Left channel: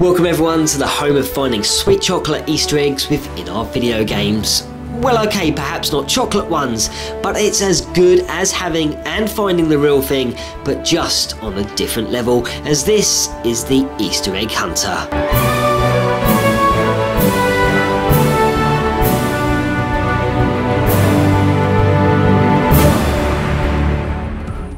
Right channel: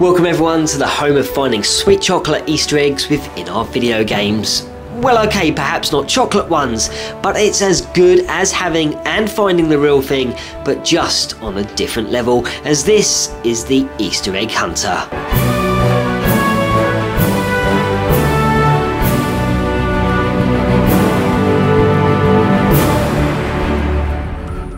Welcome everyone to the home of finding sweet chocolate Easter eggs within our video games. Well, okay, perhaps not chocolate ones, but it's as good as having and finding the real thing, but just on a different level, as this is the Easter egg hunter.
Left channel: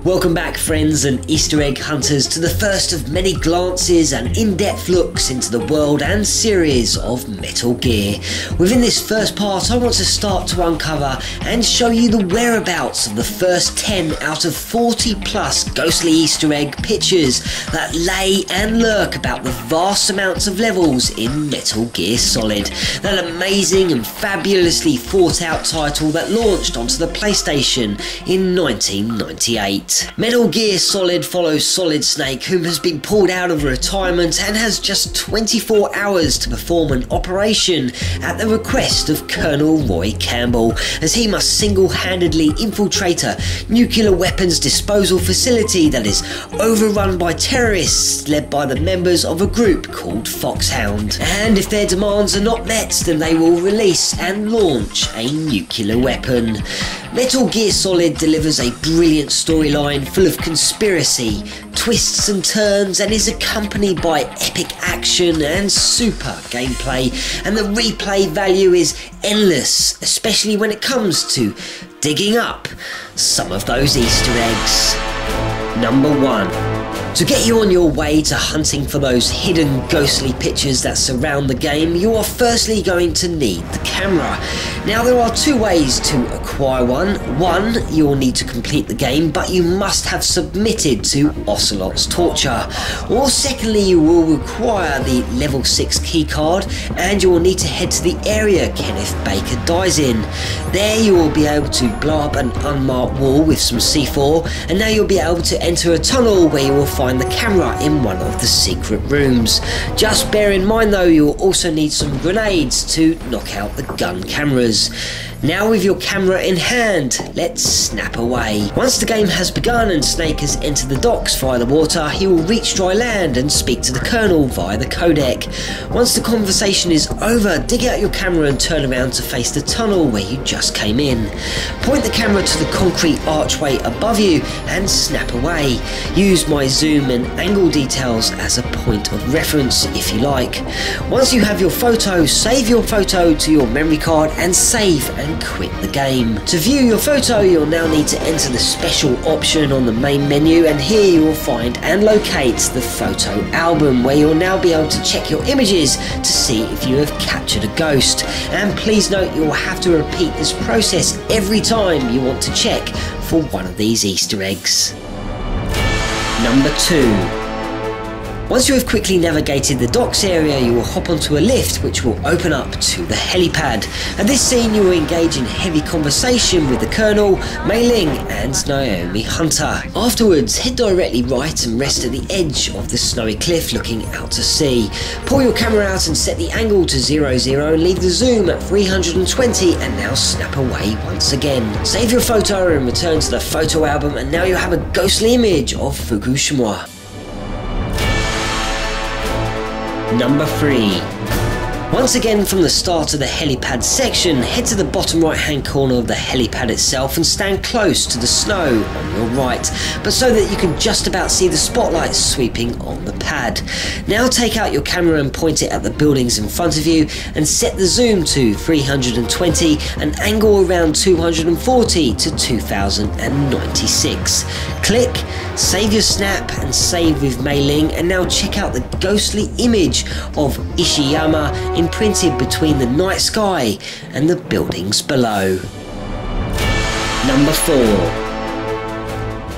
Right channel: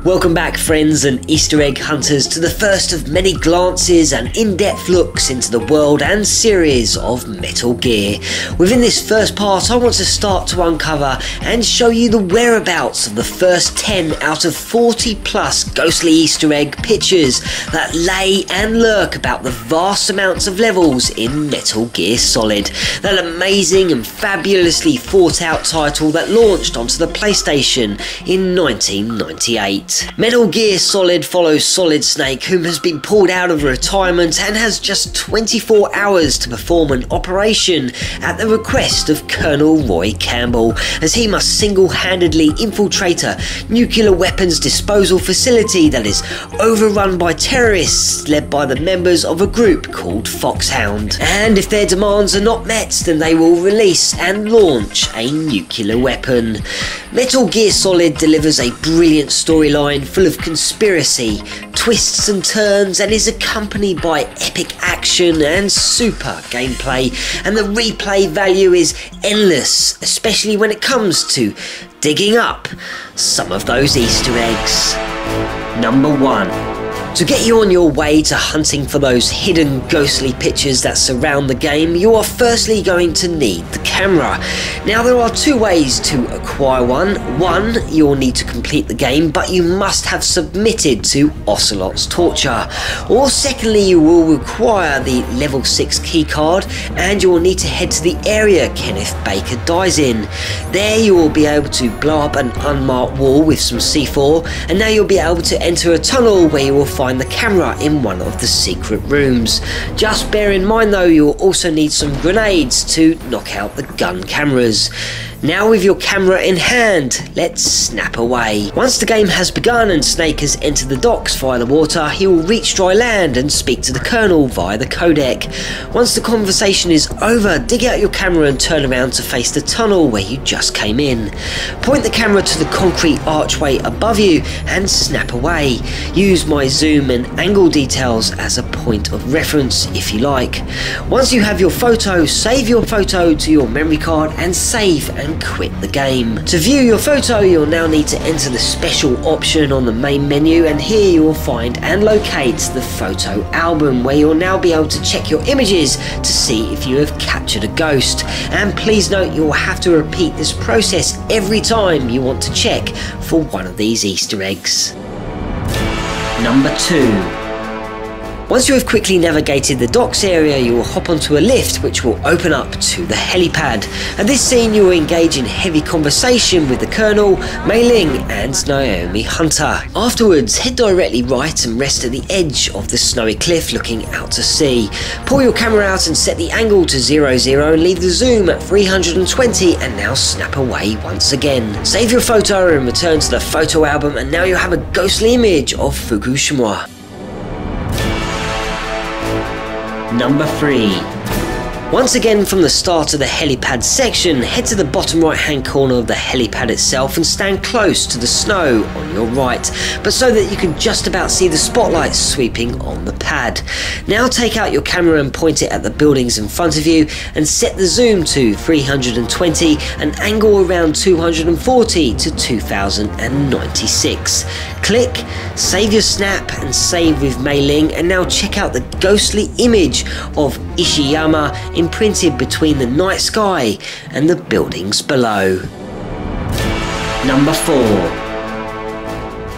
Welcome back friends and Easter egg hunters to the first of many glances and in-depth looks into the world and series of Metal Gear. Within this first part I want to start to uncover and show you the whereabouts of the first 10 out of 40 plus ghostly Easter egg pictures that lay and lurk about the vast amounts of levels in Metal Gear Solid, that amazing and fabulously thought out title that launched onto the PlayStation in 1998. Metal Gear Solid follows Solid Snake, whom has been pulled out of retirement and has just 24 hours to perform an operation at the request of Colonel Roy Campbell, as he must single-handedly infiltrate a nuclear weapons disposal facility that is overrun by terrorists led by the members of a group called Foxhound. And if their demands are not met, then they will release and launch a nuclear weapon. Metal Gear Solid delivers a brilliant storyline full of conspiracy, twists and turns, and is accompanied by epic action and super gameplay, and the replay value is endless, especially when it comes to digging up some of those Easter eggs. Number 1. To get you on your way to hunting for those hidden ghostly pictures that surround the game, you are firstly going to need the camera. Now there are two ways to acquire one. One, you'll need to complete the game, but you must have submitted to Ocelot's torture. Or secondly, you will require the level 6 keycard, and you will need to head to the area Kenneth Baker dies in. There you will be able to blow up an unmarked wall with some C4, and now you'll be able to enter a tunnel where you will find the camera in one of the secret rooms. Just bear in mind though, you'll also need some grenades to knock out the gun cameras. Now with your camera in hand, let's snap away. Once the game has begun and Snake has entered the docks via the water, he will reach dry land and speak to the Colonel via the codec. Once the conversation is over, dig out your camera and turn around to face the tunnel where you just came in. Point the camera to the concrete archway above you and snap away. Use my zoom and angle details as a point of reference if you like. Once you have your photo, save your photo to your memory card and save and quit the game. To view your photo, you'll now need to enter the special option on the main menu, and here you will find and locate the photo album, where you'll now be able to check your images to see if you have captured a ghost. And please note, you'll have to repeat this process every time you want to check for one of these Easter eggs. Number 2. Once you have quickly navigated the docks area, you will hop onto a lift which will open up to the helipad. At this scene you will engage in heavy conversation with the Colonel, Mei Ling and Naomi Hunter. Afterwards, head directly right and rest at the edge of the snowy cliff looking out to sea. Pull your camera out and set the angle to 00 and leave the zoom at 320, and now snap away once again. Save your photo and return to the photo album, and now you have a ghostly image of Fukushima. Number 3. Once again, from the start of the helipad section, head to the bottom right hand corner of the helipad itself and stand close to the snow on your right, but so that you can just about see the spotlights sweeping on the pad. Now take out your camera and point it at the buildings in front of you and set the zoom to 320 and angle around 240 to 2096. Click, save your snap and save with Mei Ling, and now check out the ghostly image of Ishiyama imprinted between the night sky and the buildings below. Number 4.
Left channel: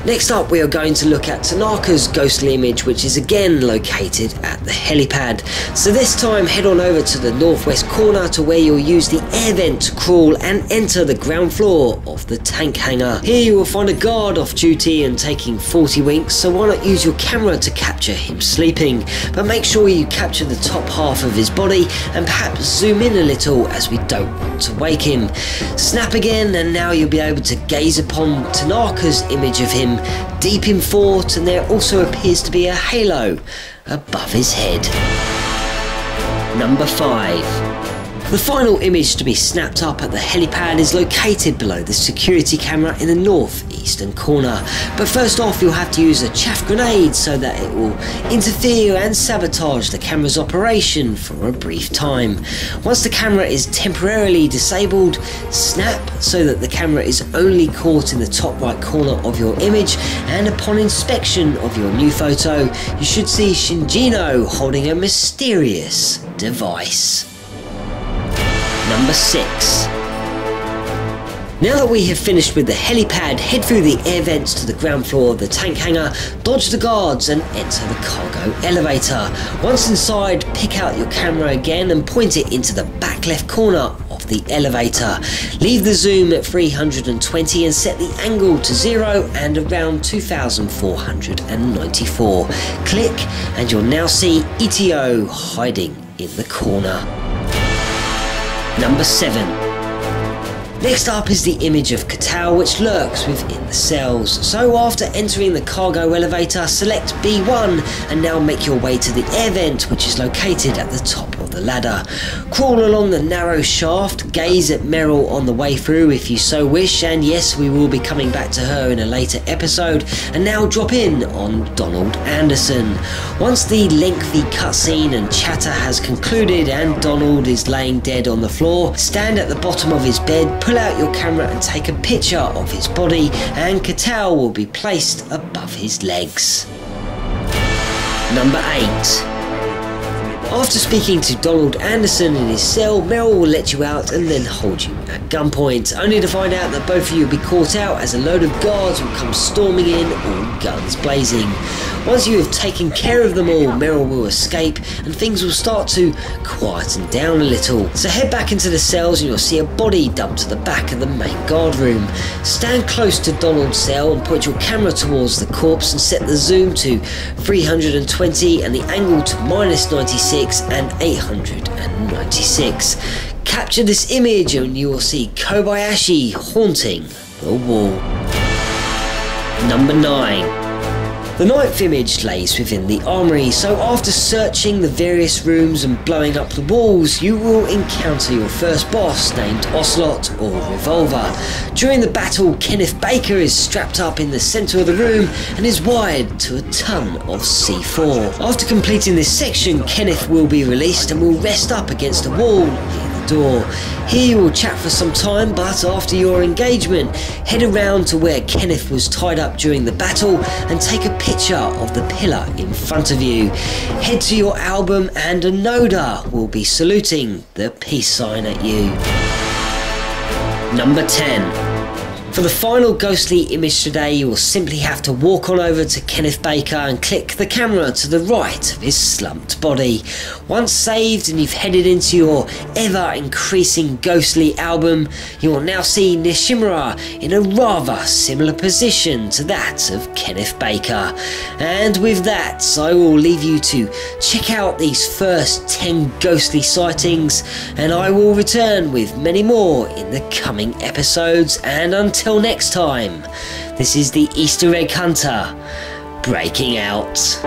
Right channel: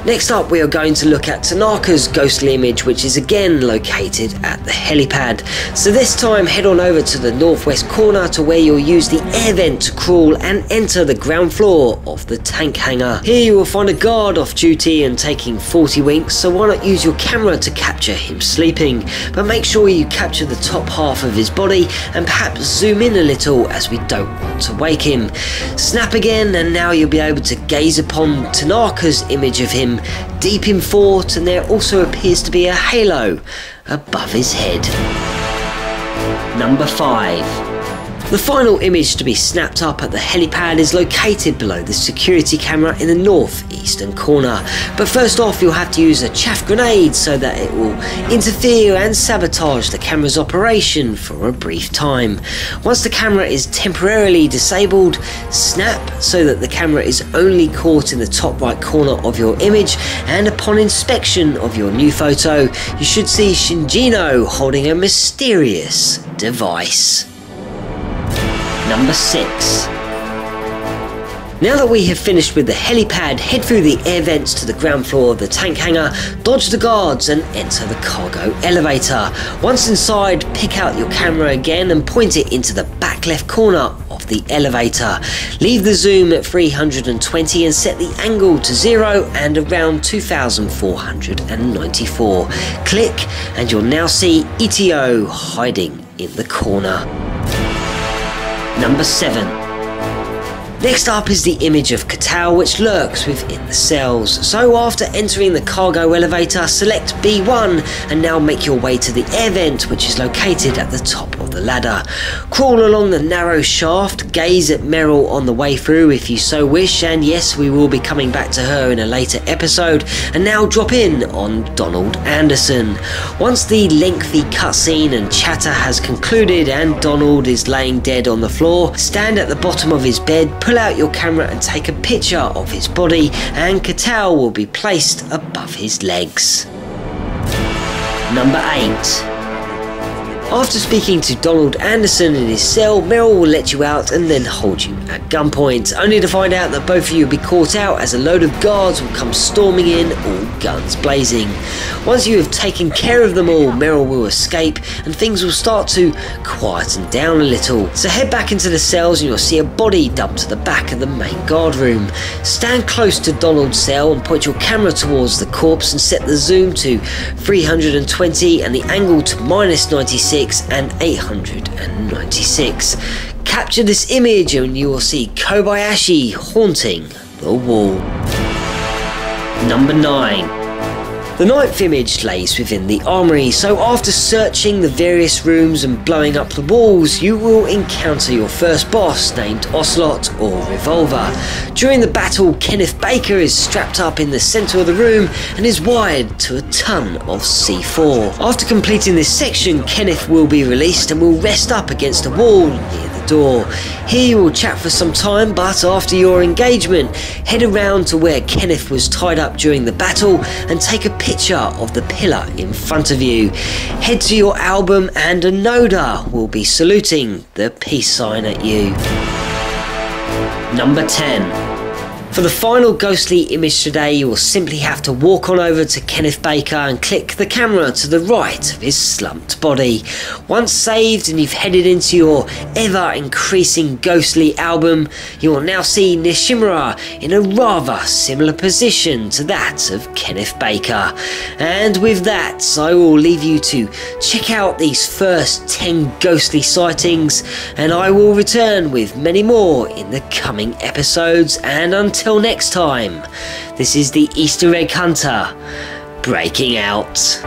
Next up, we are going to look at Tanaka's ghostly image, which is again located at the helipad. So this time, head on over to the northwest corner to where you'll use the air vent to crawl and enter the ground floor of the tank hangar. Here you will find a guard off duty and taking 40 winks, so why not use your camera to capture him sleeping? But make sure you capture the top half of his body and perhaps zoom in a little, as we don't want to wake him. Snap again, and now you'll be able to gaze upon Tanaka's image of him deep in thought, and there also appears to be a halo above his head. Number 5. The final image to be snapped up at the helipad is located below the security camera in the northeastern corner. But first off, you'll have to use a chaff grenade so that it will interfere and sabotage the camera's operation for a brief time. Once the camera is temporarily disabled, snap so that the camera is only caught in the top right corner of your image, and upon inspection of your new photo, you should see Shinjino holding a mysterious device. Number 6. Now that we have finished with the helipad, head through the air vents to the ground floor of the tank hangar, dodge the guards and enter the cargo elevator. Once inside, pick out your camera again and point it into the back left corner of the elevator. Leave the zoom at 320 and set the angle to 0 and around 2494. Click and you'll now see ETO hiding in the corner. Number 7. Next up is the image of Katal, which lurks within the cells. So after entering the cargo elevator, select B1 and now make your way to the air vent, which is located at the top of the ladder. Crawl along the narrow shaft, gaze at Meryl on the way through if you so wish, and yes, we will be coming back to her in a later episode, and now drop in on Donald Anderson. Once the lengthy cutscene and chatter has concluded and Donald is laying dead on the floor, stand at the bottom of his bed, pull out your camera and take a picture of his body, and Katal will be placed above his legs. Number 8. After speaking to Donald Anderson in his cell, Meryl will let you out and then hold you at gunpoint, only to find out that both of you will be caught out as a load of guards will come storming in, all guns blazing. Once you have taken care of them all, Meryl will escape and things will start to quieten down a little. So head back into the cells and you'll see a body dumped to the back of the main guard room. Stand close to Donald's cell and point your camera towards the corpse and set the zoom to 320 and the angle to -96 and 896. Capture this image and you will see Kobayashi haunting the wall. Number 9. The 9th image lays within the Armory, so after searching the various rooms and blowing up the walls, you will encounter your first boss named Ocelot or Revolver. During the battle, Kenneth Baker is strapped up in the centre of the room and is wired to a ton of C4. After completing this section, Kenneth will be released and will rest up against a wall near the door. Here you will chat for some time, but after your engagement, head around to where Kenneth was tied up during the battle and take a picture of the pillar in front of you. Head to your album and a Noda will be saluting the peace sign at you. Number 10. For the final ghostly image today, you will simply have to walk on over to Kenneth Baker and click the camera to the right of his slumped body. Once saved and you've headed into your ever-increasing ghostly album, you will now see Nishimura in a rather similar position to that of Kenneth Baker. And with that, I will leave you to check out these first 10 ghostly sightings, and I will return with many more in the coming episodes, and until next time, this is the Easter Egg Hunter, breaking out.